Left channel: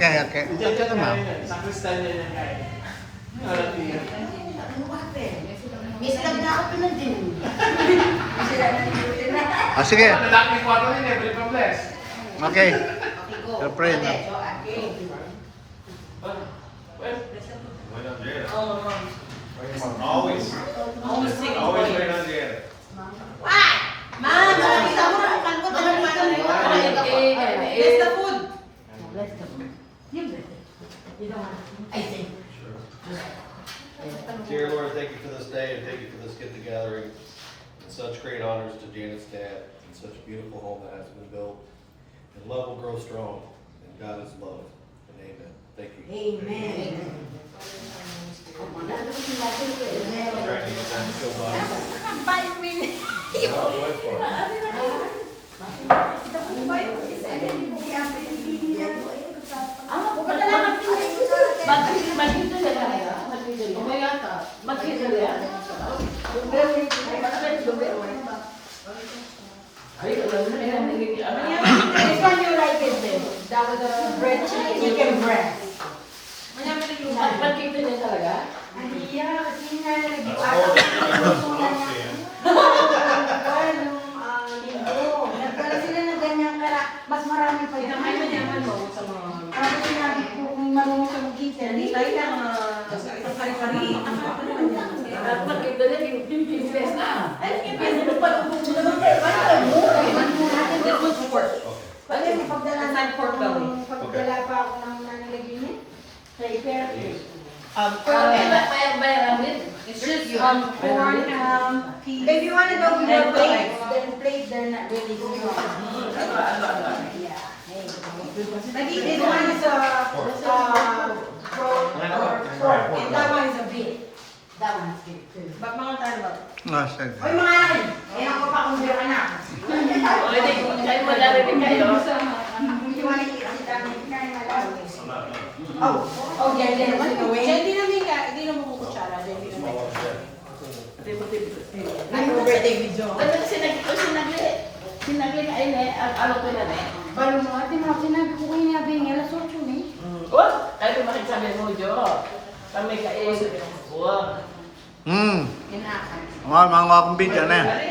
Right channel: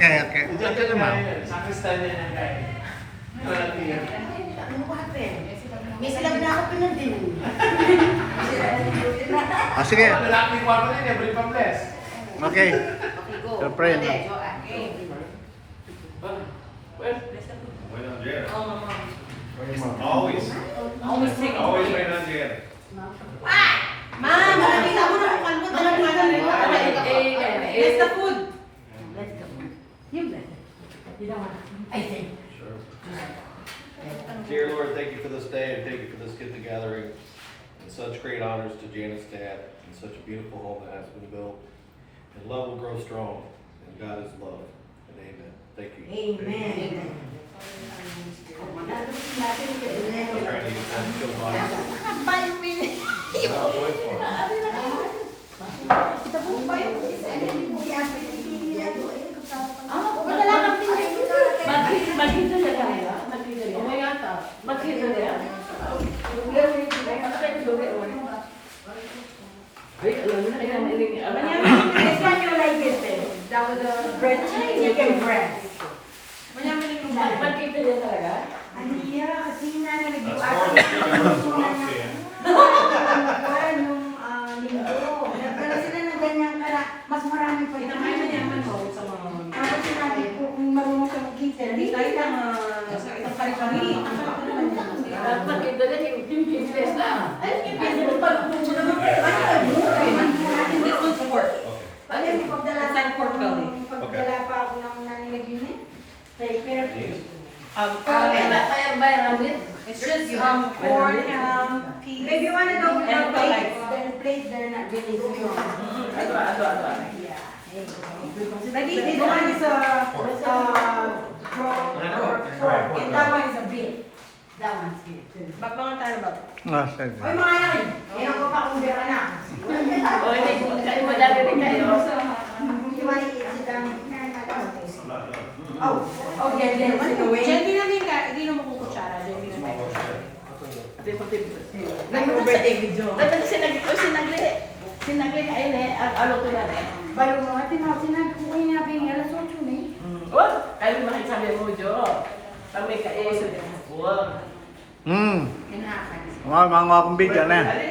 Okay, okay. Okay na, ma'am. Sa kristal niya yan kaya. May silag na ako pinundin. Ah, sige. Lalaki yung kwarto niya, every bless. Okay. Okay, go. Your friend, Okay, no? so, okay. Always. Always sing. Always been on the end. Ma'am, malapit ako na ang kalbot. Alam mo na It's the food. I think. Dear Lord, thank you for this day and thank you for this get together and such great honors to Janet's dad and such a beautiful home that has been built. And love will grow strong and God is love. And amen. Thank you. Amen. Trying to get time to kill bodies. I'll wait for it. Mas marami pa yun. Ano sinabi ko, kung marunong siya mag-gita, hindi tayo ng kari-kari. Pagdala pa ako ng nilagyan kay Perry. It's just corn, peas. If you want to go with the And plates, then plates they're not really good. Yeah. This one is pork. That one is a beef. That one is good too. Ba't mga tayo ba? Ah, sige. Oy mga anak, yan ako pa kung beer anak. O, hindi. Kayo wala rin kayo. You want to eat ang dami? Oh, oh, yeah, yeah. Hindi na mo kukutsara. Nag-birthday video. Sinagli ka ile, ano ko na rin. Balo mo, atin ha, sinabi ko kayo nabi ng alas 8 ni. Oh, kayo makisabi mo, Jo. Kami kayo. Hmm. Mga akong video na yan.